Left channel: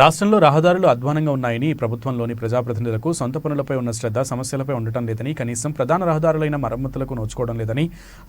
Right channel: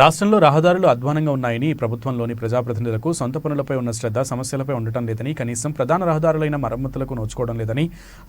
రాష్ట్రంలో రహదారులు అధ్వానంగా ఉన్నాయని, ప్రభుత్వంలోని ప్రజాప్రతినిధులకు సొంత పనులపై ఉన్న శ్రద్ధ సమస్యలపై ఉండటం లేదని, కనీసం ప్రధాన రహదారులైన మరమ్మతులకు నోచుకోవడం లేదని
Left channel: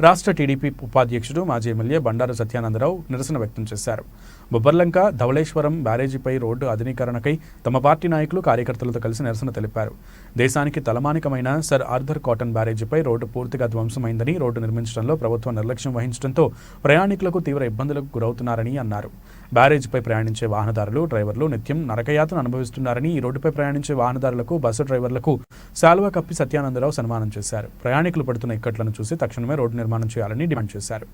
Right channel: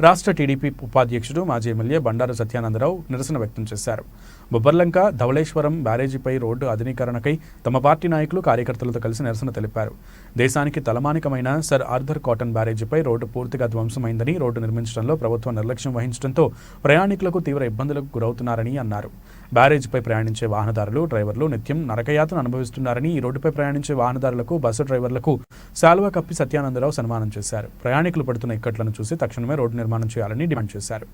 రాష్ట్ర టీడీపీ ఉపాధ్యక్షుడు, మాజీ ఎమ్మెల్యే బండారు సత్యానందరావు నిరసన వ్యక్తం చేశారు. బొబ్బర్లంక, ధవళేశ్వరం బ్యారేజీపై రోడ్డు ఆధునీకరణకై తమ పార్టీ నాయకులు, కార్యకర్తలతో కలిసి నిరసన తెలిపారు. దేశానికి తలమానికమైన సర్ ఆర్థర్ కాటన్ బ్యారేజీపై రోడ్డు పూర్తిగా ధ్వంసమైందని, రోడ్డు నిర్మించడంలో ప్రభుత్వం నిర్లక్ష్యం వహించడంతో ప్రయాణికులకు తీవ్ర ఇబ్బందులకు గురవుతున్నారని అన్నారు. బ్యారేజీపై ప్రయాణించే వాహనదారులు, డ్రైవర్లు నిత్యం నరకయాతన అనుభవిస్తున్నారని, ఈ రోడ్డుపై ప్రయాణించే వాహనదారులకు, బస్సు డ్రైవర్లకు శాలువా కప్పి సత్యానందరావు సన్మానం చేశారు. ప్రయాణికులు పడుతున్న ఇక్కట్లను చూసి తక్షణమే రోడ్డు నిర్మాణం చేయాలని డిమాండ్ చేశారు.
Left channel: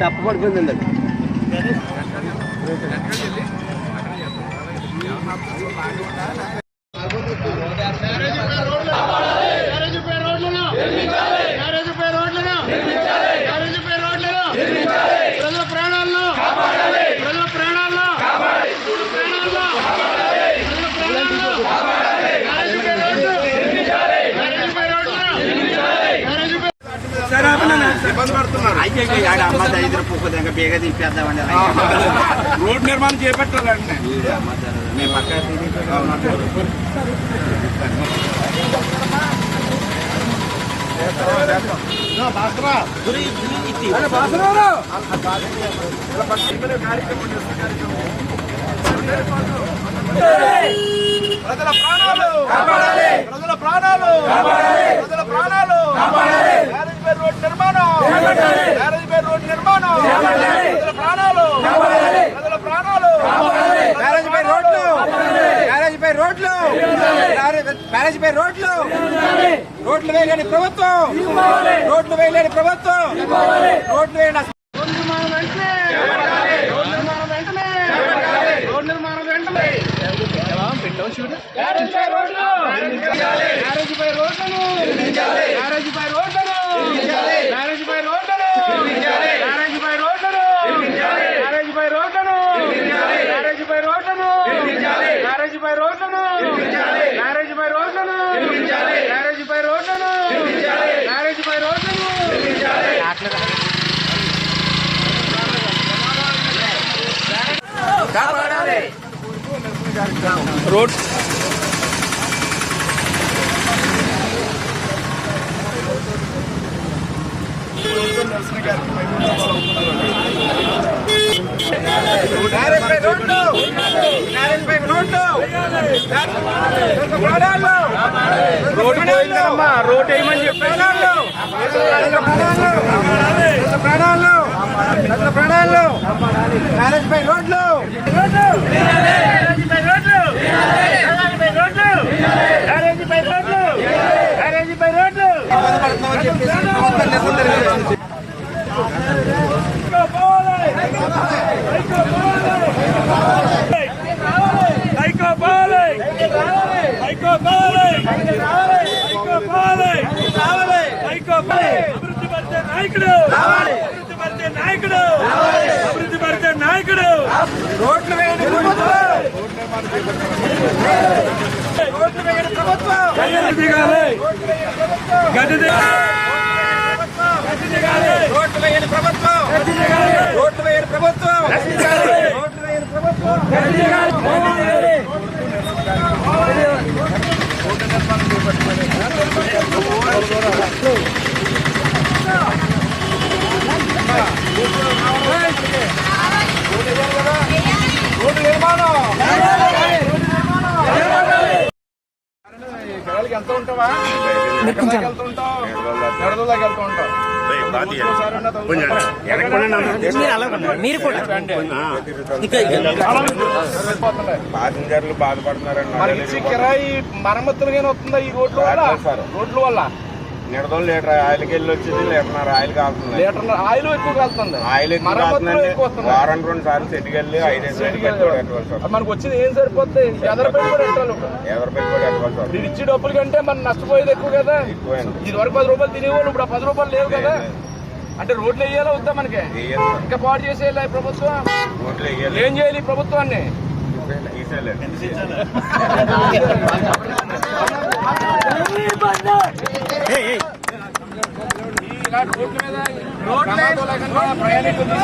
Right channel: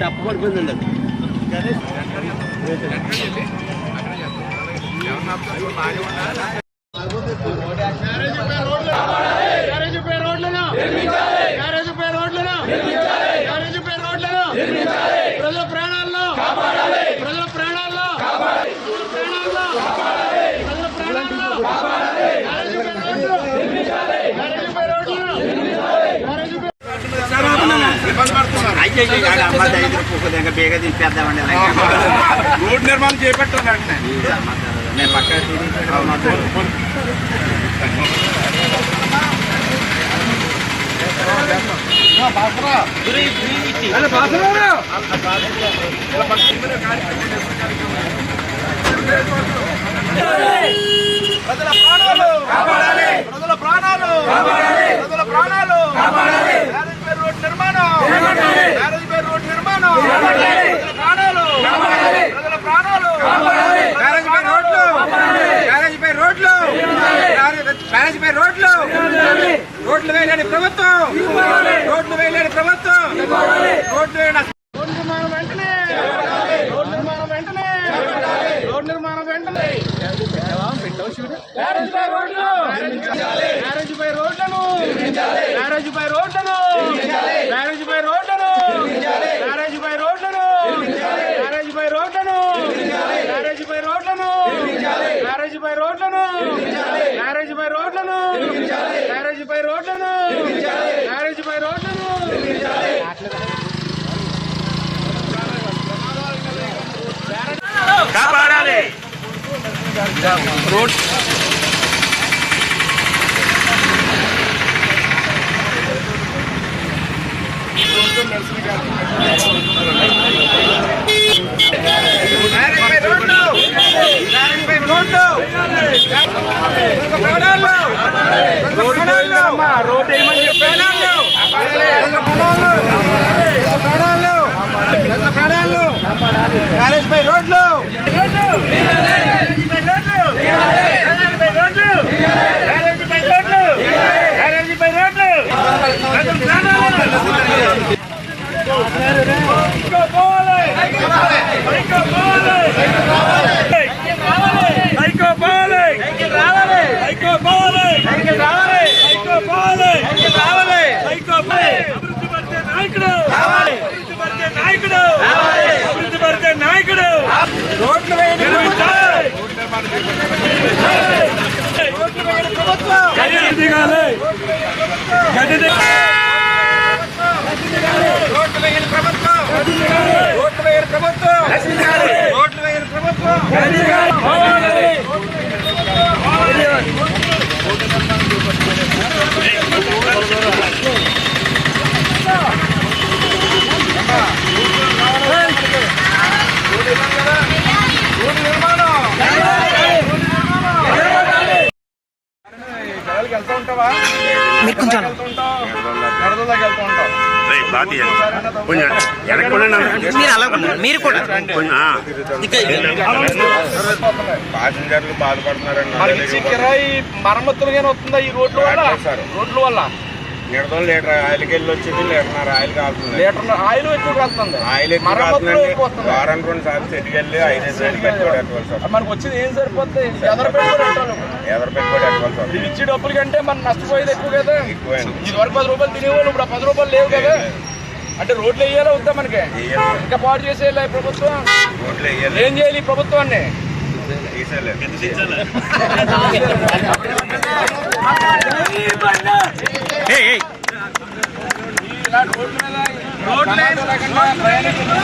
చెప్పబడిపోయిందండి రోడ్ నిర్మాణం చేపట్టారు. ప్రజల ప్రాణాలు రోడ్ నిర్మాణం, రోడ్ నిర్మాణం, ప్రజల ప్రాణాలు, రోడ్లు వేయలేని ప్రభుత్వం, రోడ్లు వేయలేని ప్రభుత్వం, రోడ్లు వేయని కాపాడాలి. రోడ్ రోడ్ వేయమని చెప్పారు. ప్రాణాలు మ్యారేజ్ పై రోడ్లు, రోడ్లు వేయని ప్రభుత్వం, రోడ్లు వేయని ప్రభుత్వం, రోడ్లు వేయని ప్రభుత్వం, రోడ్లు వేయని ప్రభుత్వం. రోడ్డు నిర్మాణం జనాలకి వెళ్తూ ఉంటావా? వెళ్తూ ఉంటావు, గడదలాగా వెళ్తూ ఉంటావు. మీరు కూడా ప్యాసింజర్లు బాధపడుతున్నారండి. మనకి కిరాయి మరమ్మతులుగానే వస్తుందా ఈ రోడ్ల వల్ల? నిడదలు లీటర్ ఆయిల్కి వెళ్ళి వచ్చింది లీటర్న్నర ఆయిల్ కాలుతుంది. లీటర్ ఆయిల్ ఎక్కువ కాలుతుంది. ఆయిల్ ఎక్కువ మరమ్మతులు ఎక్కువ వస్తుంది. వారానికి 2 సార్లు సెట్కి వెళ్ళి 5 సార్లు పెట్టుబడి ఎట్టవలసి వస్తుంది. మనకు వచ్చింది ఏం సరిపోతుంది? ఎదరు పెట్టుబడి ఎట్టాలి. ఎదరు పెట్టుబడి ఎట్టవలసి వస్తుంది. ఇది ఇచ్చే డబ్బుల కంటే మనం నష్టపోయేది ఎక్కువ కదా. ఇది వరకు 10 రూపాయలు తినేవాళ్ళు, ఇప్పుడు 10 రూపాయలు లేవు కదా. అంటే రోడ్లు వేయాలో వద్దా మనకి? ఇంకా పాడు చేసేయాలి ఈ ప్రభుత్వం. రోడ్లు వేయాలి. ఏం చేయాలి ఈ ప్రభుత్వాన్ని? తీసేయాలి. ఇలా రోడ్ల మీద ప్రమాదాలు లేకుండా ప్రయాణికులు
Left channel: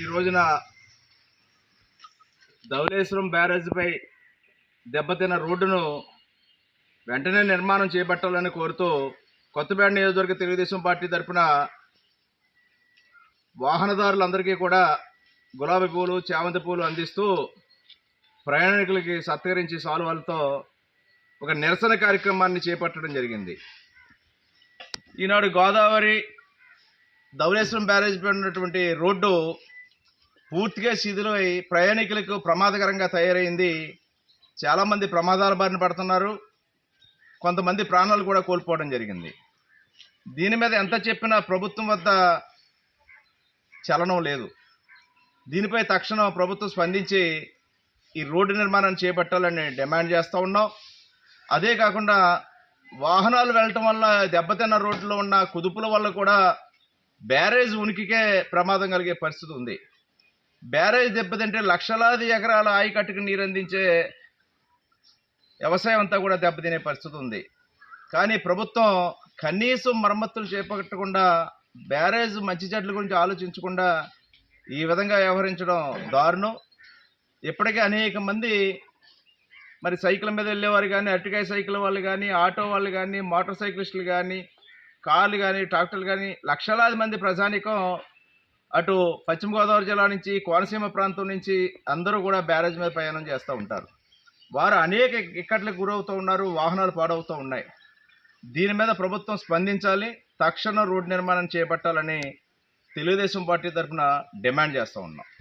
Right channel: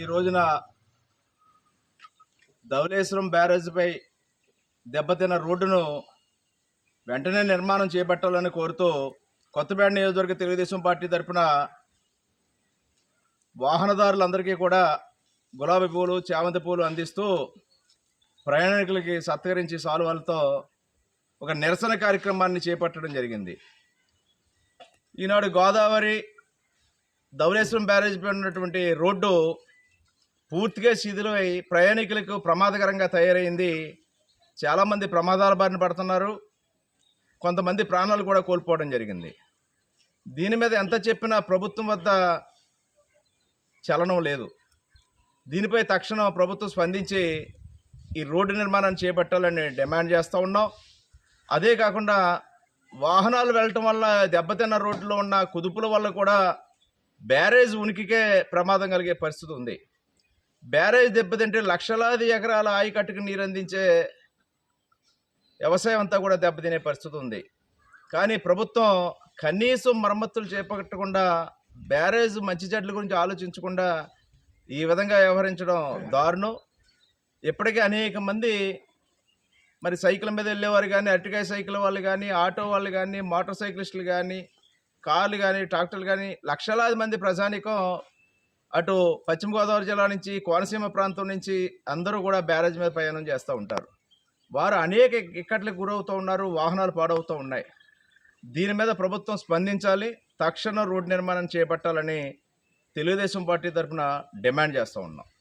ఈ రోజున ధవళేశ్వరం బ్యారేజ్పై దెబ్బతిన్న రోడ్డును వెంటనే నిర్మాణం చేపట్టాలని కోరుతూ కొత్తపేట నియోజకవర్గ తెలుగుదేశం పార్టీ తరఫున వాహనదారులందరికీ కూడా గులాబీ పూలు, చామంతి పూలు అందిస్తూ ప్రయాణికులకి సత్కరించి సాల్వాలతో ఒక నిరసన కార్యక్రమాన్ని చేపట్టడం జరిగింది. ఈనాడు గోదావరి ధవళేశ్వరం బ్యారేజ్పై ఉన్నటువంటి రోడ్డు పూర్తిగా శిథిలమై ప్రయాణికులకు ప్రమాదకరంగా తయారైంది. చాలామంది ప్రమాదాల బారిన పడుతున్నారు. కొంతమంది ప్రాణాలు కూడా కోల్పోవడం జరిగింది. దీని మీద ఎంత చెప్పినా ప్రభుత్వం వద్ద చలనం లేదు. దీనిపై తక్షణం ప్రభుత్వం స్పందించి ఈ రోడ్డు నిర్మాణాన్ని చేపట్టాలని డిమాండ్ చేస్తూ ఉన్నాం. అదే కాకుండా వాహనాలు వెళ్ళటం వల్ల దెబ్బతిన్న రోడ్లో ఉన్న కుదుపుల వల్ల కూడా బ్యారేజ్ ఉనికికే ప్రమాదం కలిగే పరిస్థితి ఉంది. బ్యారేజ్ దెబ్బతింటే లక్షలాది ఎకరాల ఆయకట్టుకు నీరు అందించే వ్యవసాయం అంతా కూడా దెబ్బతినే పరిస్థితి ఉంది. కానీ ప్రభుత్వం కనీసం మరమ్మతులు చేపట్టకుండా, బ్యారేజ్ మంచి చెడ్ల గురించి ఆలోచించకుండా ఈ విధంగా వ్యవహరించడం దారుణం. ఇప్పటికే అనేక మంది మరి సైకిల్ మీద వెళ్ళేవారు కానీ, అరటికాయ సైకిల్ వాళ్ళు కానీ, ఆటో వాళ్ళు కానీ, మోటార్ సైక్లిస్టులు కానీ, కార్లు కానీ, ట్రాక్టర్లు కానీ లక్షలాది మంది ప్రజానికం అటు పశ్చిమ గోదావరి జిల్లా నుంచి, కోనసీమ ప్రాంతం నుంచి అందరూ కూడా బ్యారేజ్ మీద ప్రయాణం చేస్తూ ఉంటారు. వారు అనేక ఇక్కట్లకు గురవుతూ ఉన్నారు. వాహనాలు పాడవుతూ ఉన్నాయి. దీని మీద ప్రభుత్వం స్పందించాలి. తక్షణ రోడ్డు నిర్మాణం చేపట్టాలని తెలుగుదేశం పార్టీ తరఫున డిమాండ్ చేస్తూ ఉన్నాం.